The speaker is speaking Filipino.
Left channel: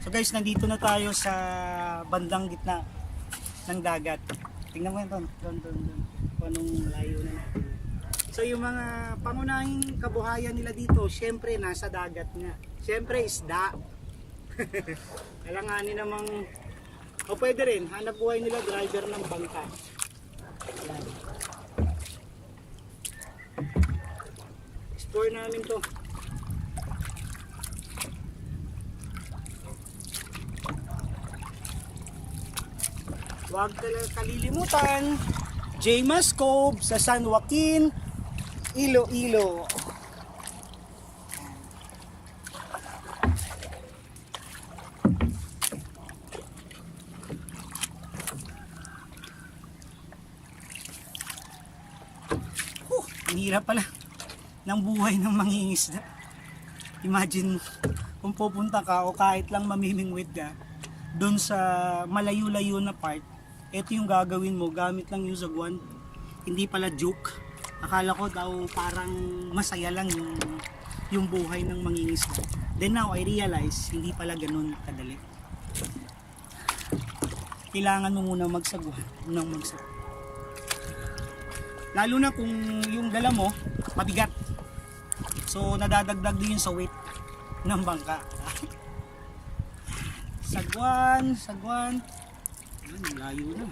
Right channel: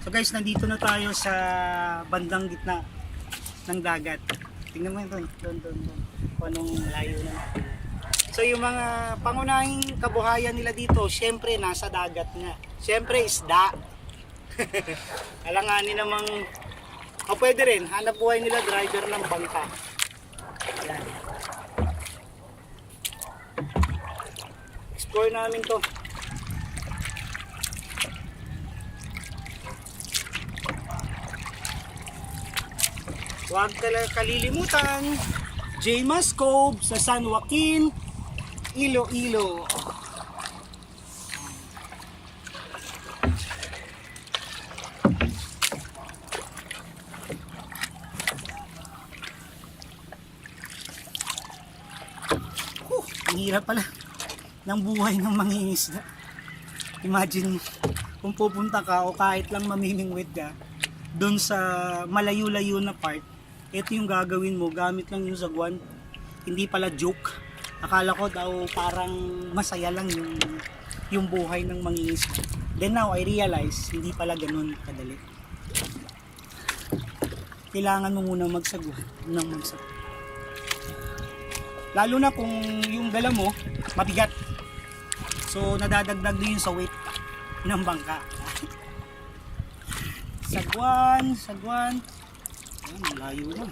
So guys, nandito na tayo sa bandang gitna ng dagat. Tingnan mo doon, doon. Kung anong layo na natin. So yung mga pangunahing kabuhayan nila dito, syempre nasa dagat nga. Syempre isda. Alanganin namang, o pwede rin, hanap buhay nila driver ng bangka. Ayan. Explore namin to. Huwag kalilimutan, Jaymas Cove sa San Joaquin, Iloilo. Ang hirap pala ng buhay ng mangingisda. Imagine kung pupunta ka o kahit lang mamimingwit ka doon sa malayo-layo na part. Ito yung gagawin mo, gamit lang yung sagwan. Hindi pala joke. Akala ko daw parang masaya lang yung buhay ng mangingisda. Then now I realize hindi pala ganun kadali. Kailangan mo muna magsagwan ng magsagwan. Lalo na kung yung dala mo mabigat. So nadadagdag din yun sa weight ng bangka. Sagwan. Yan, layo na.